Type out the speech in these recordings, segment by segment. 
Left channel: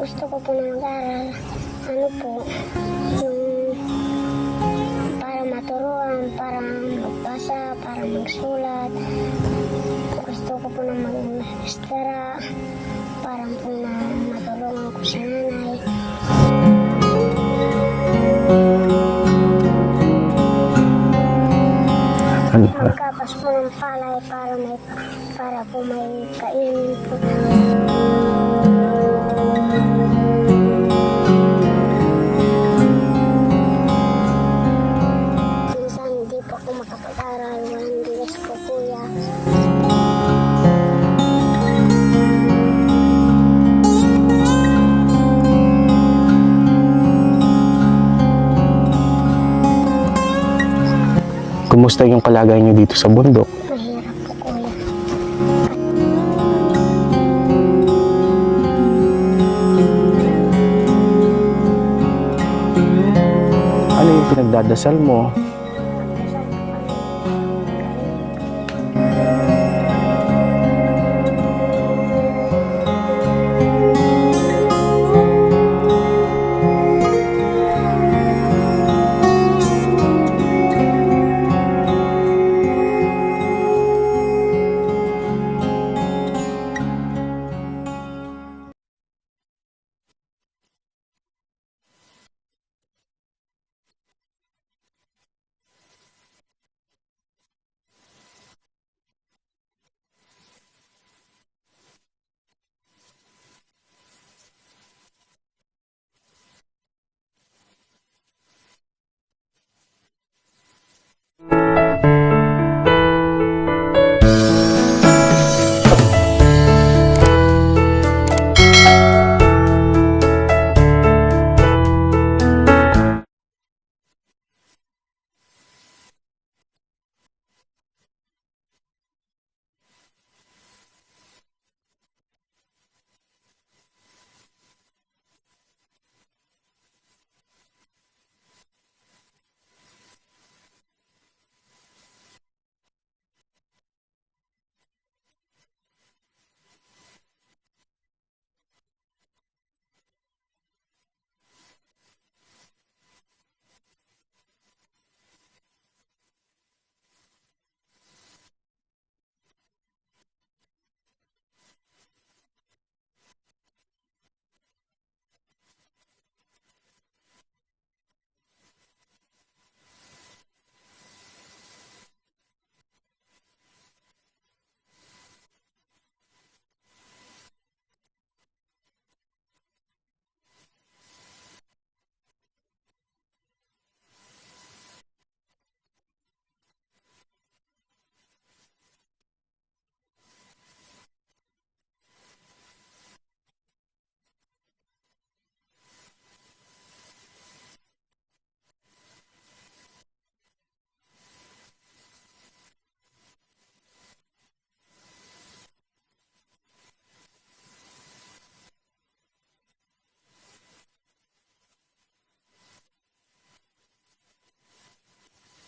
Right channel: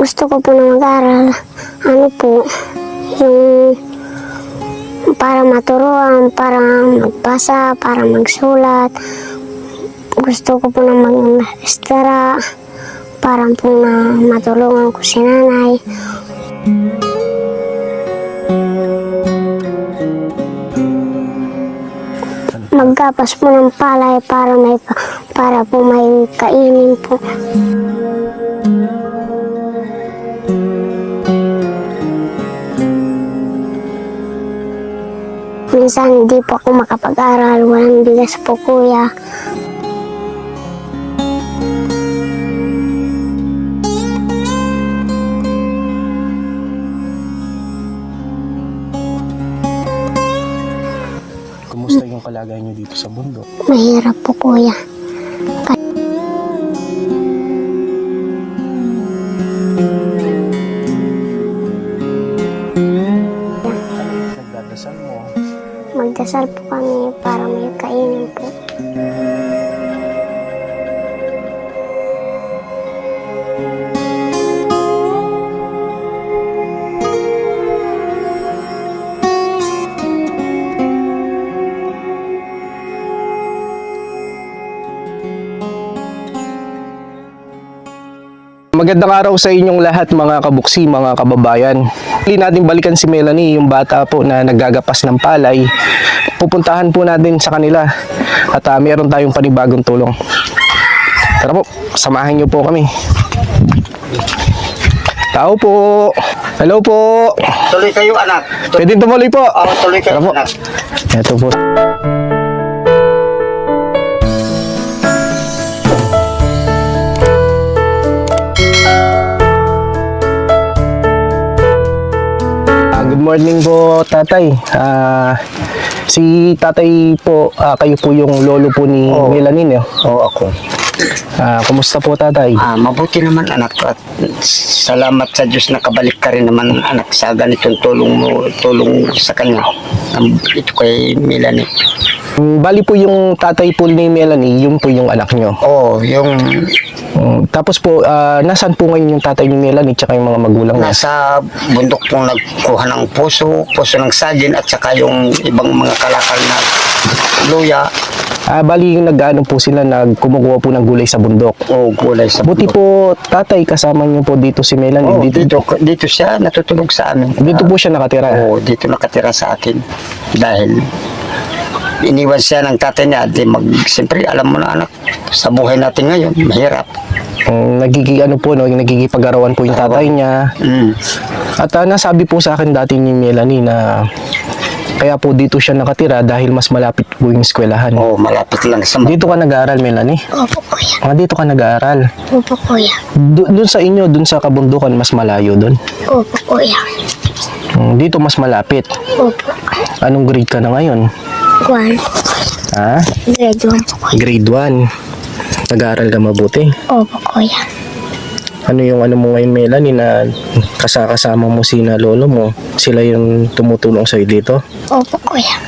Gusto ko po na mag-aral. Ano po, yung para maturuan, para magbasa, para magsulat. Gusto ko po na mag-maestera para po na matulungan ko si nanay. Magkapas po ng palay para po may kainin po. Minsan hindi po ako makapag-aral, walang bigas po kuya. Kumusta yung kalagayan niyo dito sa bundok? Mahirap po kuya. Ano yung pinagdadasal mo? Magdasal po kami para may kainin po. Magandang araw sa inyong lahat mga kabuksi, mga kababayan. Hindi natin balikan si Melanie, yung bata po na naggagapas ng palay. Pupuntahan po natin sa kanila at meron tayong panibagong tulong. Tara po, samahan niyo po kami. Tao po. Hello po. Tuloy kayo anak. Pwede tumuloy po. Tuloy kayo Tara po. anak. Ito po. Good morning po, tatay. Si tatay po, kayo po yung lolo po ni Melanie, no? Oo, ako. Kumusta po, tatay? Mabuti naman anak at salamat sa Diyos na kabalik ka rin naman anak sa ganitong tulong sa kanya. Ito kay Melanie. Bali po yung tatay po ni Melanie, yun po yung anak nyo. Oo, yung Tapos po, nasaan po ngayon yung tatay ni Melanie tsaka yung mga magulang niya? nasa bundok pong nagkuha ng puso ng saging at saka yung ibang mga kalakal na luya Bali yung nag-ano po sila, kumukuha po ng gulay sa bundok. o gulay sa Buti bundok. po, tatay, kasama niyo po dito si Melanie. Oo, dito siya natutulog sa amin. Dito po siya nakatira. Oo, dito nakatira sa akin dahil iniwan siya ng tatay niya. Siyempre, alam mo na anak, sa buhay natin ngayon, mahirap. Nagigipag-arawan po yung tatay niya. At nasabi po sa akin dati ni Melanie na kaya po dito siya nakatira dahil mas malapit po yung eskwelahan. Oo, malapit lang sa Dito ka nag-aaral, Melanie? Opo kuya. Dito ka nag-aaral. Opo kuya. Doon sa inyo, doon sa kabundukan, mas malayo doon. Opo kuya. Dito mas malapit. Opo. Anong grade ka na ngayon? 1. Grade 1 po kuya. Grade 1. Nag-aaral ka mabuti. Opo kuya. Ano mo ngayon, Melanie, na kasama mo sina lolo mo? Sila yung tumutulong sa'yo dito? Opo kuya.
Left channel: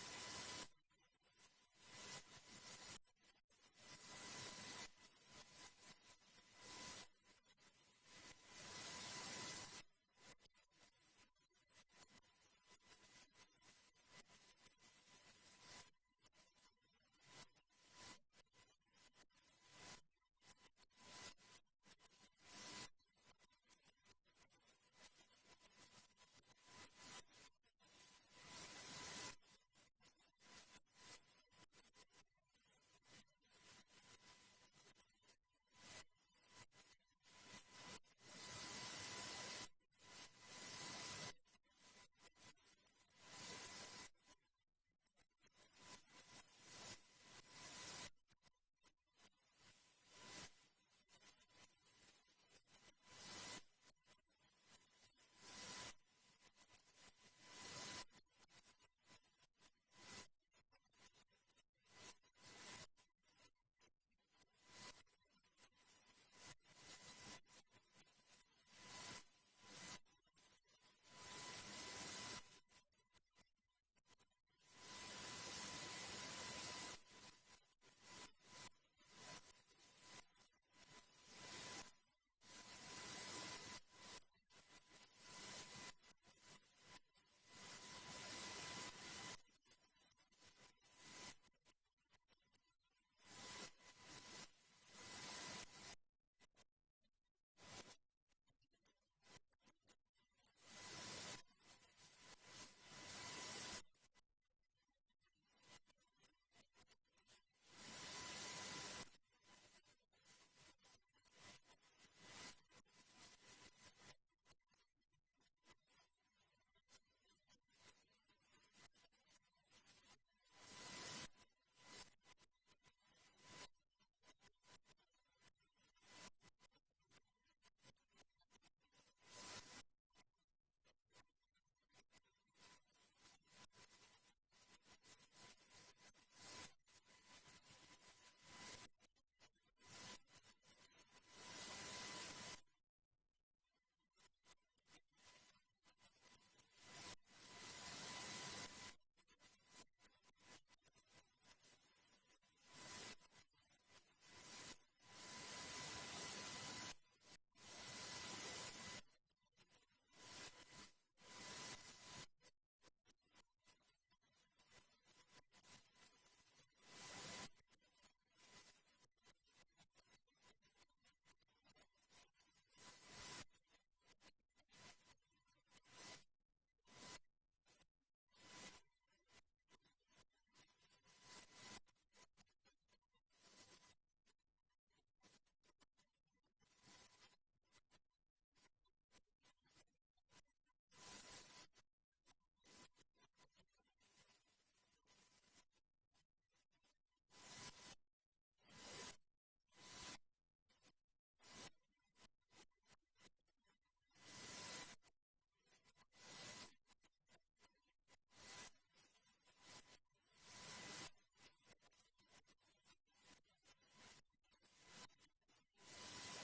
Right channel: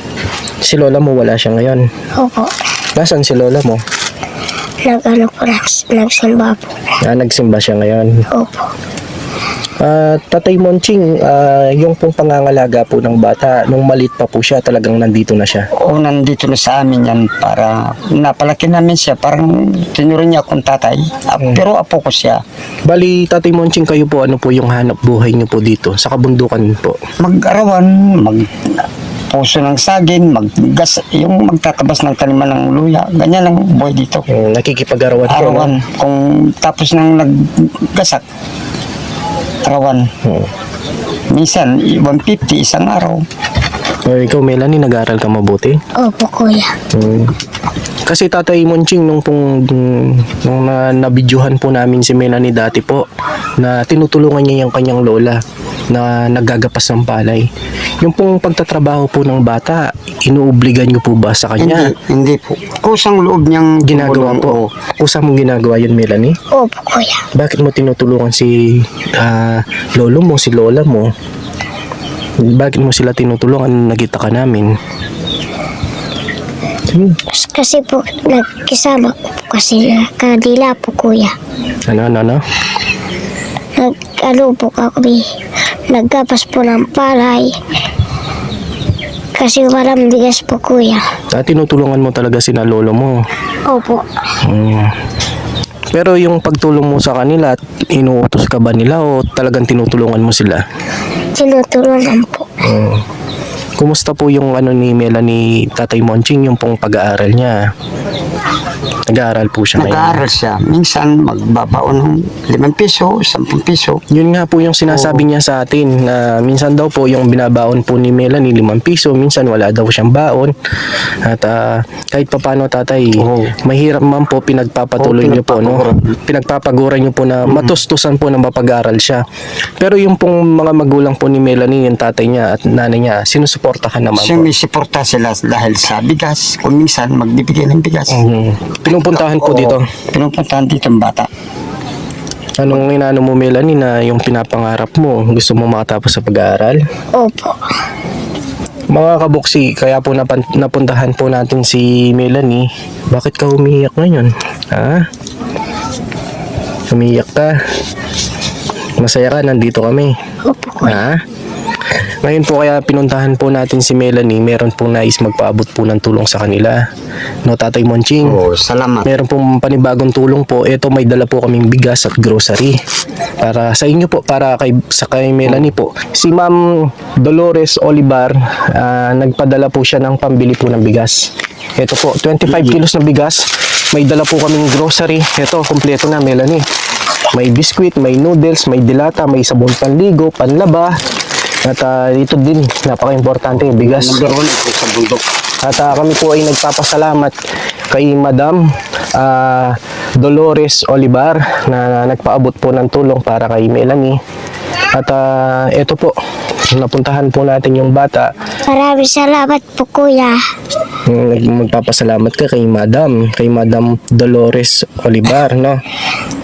Si lola mo wala siya ngayon. Opo. Nasaan si lola mo? Nagsimba po. Nagsimba siya ngayon. Opo. Tatay Monching, yung pong pangangalaga po ng bata, nung maliit pa po siya, talagang nandito na siya. Oo, nandito na sa amin yan para napalaki namin siya. Parang tinurin niya akong tatay. Pero apo ko siya. Bali, Tatay Monching, kayo po, ano po yung hanap buhay niyo po dito, sa kabundukan po? Mag-arawan, puso ng saging, yung magtatabas ng taniman ng luya. Ganyan lang buhay dito. Nakikipag-arawan po, no? Arawan. Kung tapos nang naggasak, arawan. Minsan, 150 isang araw. Ikaw, Melanie, nag-aaral ka mabuti? Opo kuya. Kasi Tatay Monching, nung nabidyohan po namin si Melanie dati po, na tinutulungan niya yung kanyang lola na naggagapas ng palay. Yung pong pagtatrabaho po ng bata, inuobligan niyo po ba sa kanya? Hindi po. Kusang loob niyang Ginagawa po. Kusa mong ginagawa yun, Melanie? Opo kuya. Bakit mo tinutulungan si lolo mo, si lola mo? Bakit mo sila tinutulungan? Nakita ka namin. Kasi po, nagkisama ko po kasi kadila po kuya. Ano? Nag-ano po kami, nagkapas po ng palay. Kasi walang bigas po kuya. Tinutulungan mo talaga sina lolo mo. Opo. Mm. Pero yung pagtulong mo sa kanila, inuutos ka ba nila o talagang tinutulungan mo sila? Tinutulungan po. Kumusta po yung ano ni Melanie, Tatay Monching, yung pong pag-aaral niya? Nag-aaral po siya ngayon. Nag-aaral siya. Minsan magbabaon ng 5 piso, 10 piso. Yun nga po yung sinasabi niya sa atin na minsan daw po yung binabaon po ni Melanie 5 piso, minsan wala daw siyang baon. At kahit papano tatay, mahirap man po pinagpapatuloy niyo po, no? Pinagpapaguran niyo po na matustusan po na mapag-aral siya. Pero yung pong mga magulang po ni Melanie, yung tatay niya at nanay niya, sinusuportahan naman po. Sumisiporta sila dahil sa bigas. Kung minsan magbibigay ng bigas. Pinupuntahan po Oo, dito. Pinupuntahan dito ang bata. Anong inaano mo Melanie na yung pinapangarap mo, gusto mo makatapos sa pag-aaral? Opo. Mga kabuksi, kaya po napuntahan po natin si Melanie. Bakit ka umiiyak ngayon? Ha? Umiiyak ka? Masaya ka, nandito kami. Opo kuya. Ha? Ngayon po kaya pinuntahan po natin si Melanie, meron pong nais magpaabot po ng tulong sa kanila. No, Tatay Monching? Oo, salamat. Meron pong panibagong tulong po. Ito, may dala po kaming bigas at grocery. Para sa inyo po, para kay Melanie po. Si Ma'am Dolores Olivar, nagpadala po siya ng pambili po ng bigas. Ito po, 25 kilos na bigas. May dala po kaming grocery. Ito, kumpleto na Melanie. May biskwit, may noodles, may dilata, may sabon panligo, panlaba. At ito din, napaka-importante, bigas. Number 1 ito sa bundok. At kami po ay nagpapasalamat kay Madam Dolores Olivar na nagpaabot po ng tulong para kay Melanie. At ito po, napuntahan po natin yung bata. Maraming salamat po kuya. Magpapasalamat ka kay Madam Dolores Olivar, no?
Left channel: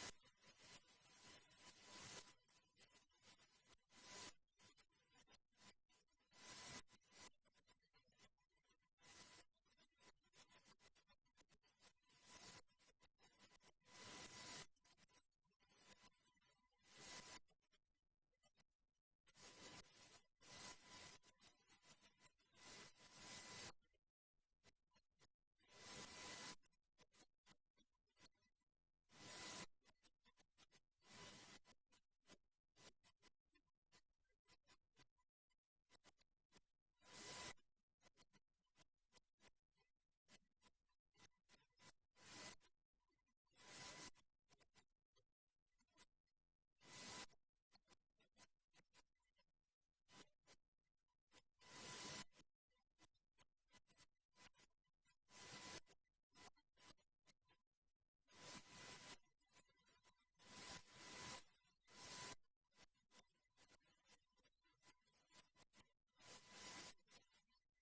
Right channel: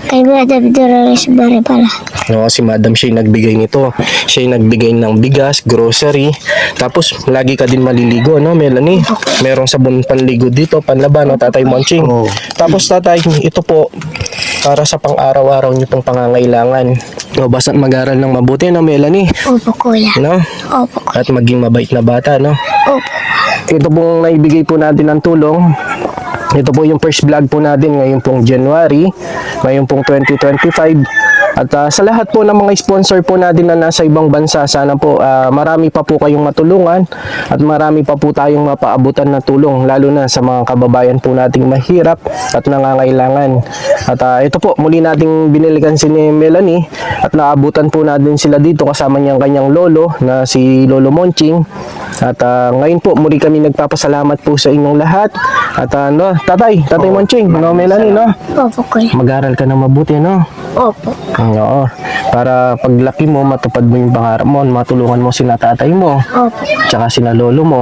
Kay Madam Dolores Bari pala. No, si Madam siya yung nagbigay nito. Siya yung nagbigay ng bigas, grocery. Tapos lagi ka din maliligo, no, Melanie? Merong sabon panligo dito, panlaba, no, Tatay Monching. Tapos tatay, ito po para sa pang-araw-araw niyo pong pangangailangan. No, basta mag-aral ng mabuti, no, Melanie? Opo kuya. No? Opo kuya. At maging mabait na bata, no? Opo. Ito pong naibigay po natin ng tulong. Ito po yung first vlog po natin ngayon pong January, ngayon pong 2025. At sa lahat po ng mga sponsor po natin na nasa ibang bansa, sana po marami pa po kayong matulungan at marami pa po tayong mapaabutan na tulong, lalo na sa mga kababayan po nating mahirap at nangangailangan. At ito po, muli nating binilikan si Melanie at naabutan po natin sila dito kasama niyang kanyang lolo na si Lolo Monching. At ngayon po, muli kami nagpapasalamat po sa inyong lahat. At no, Tatay Monching, no, Melanie, no? Opo kuya. Mag-aral ka na mabuti, no? Opo. Oo. Para paglaki mo, matupad mo yung pangarap mo, matulungan mo sina tatay mo, Opo. tsaka sina lolo mo.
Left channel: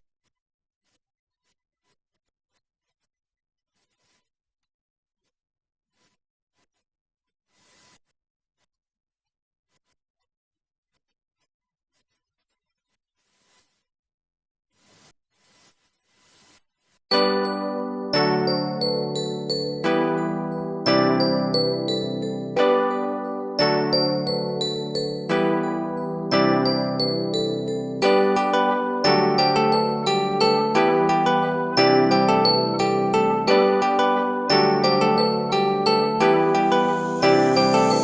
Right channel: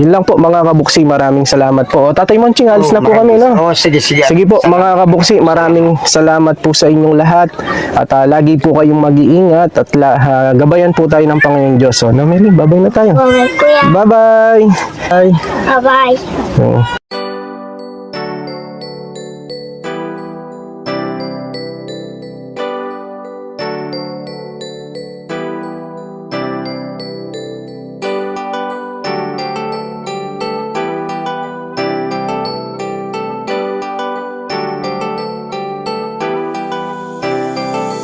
Yun lang po mga kabuksi, maraming salamat po. O, Tatay Monching, alis na po kami, no? Sige. Sige po mga kabuksi, maraming salamat po sa inyong lahat. At lagi po kayong mag-iingat at gabayan po tayo ng Panginoon Diyos. So, no, Meli, babay na tayo. Bye kuya. Bye-bye! Bye! Bye-bye. Oo.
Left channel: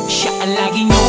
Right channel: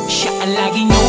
Siya ang lagi nyo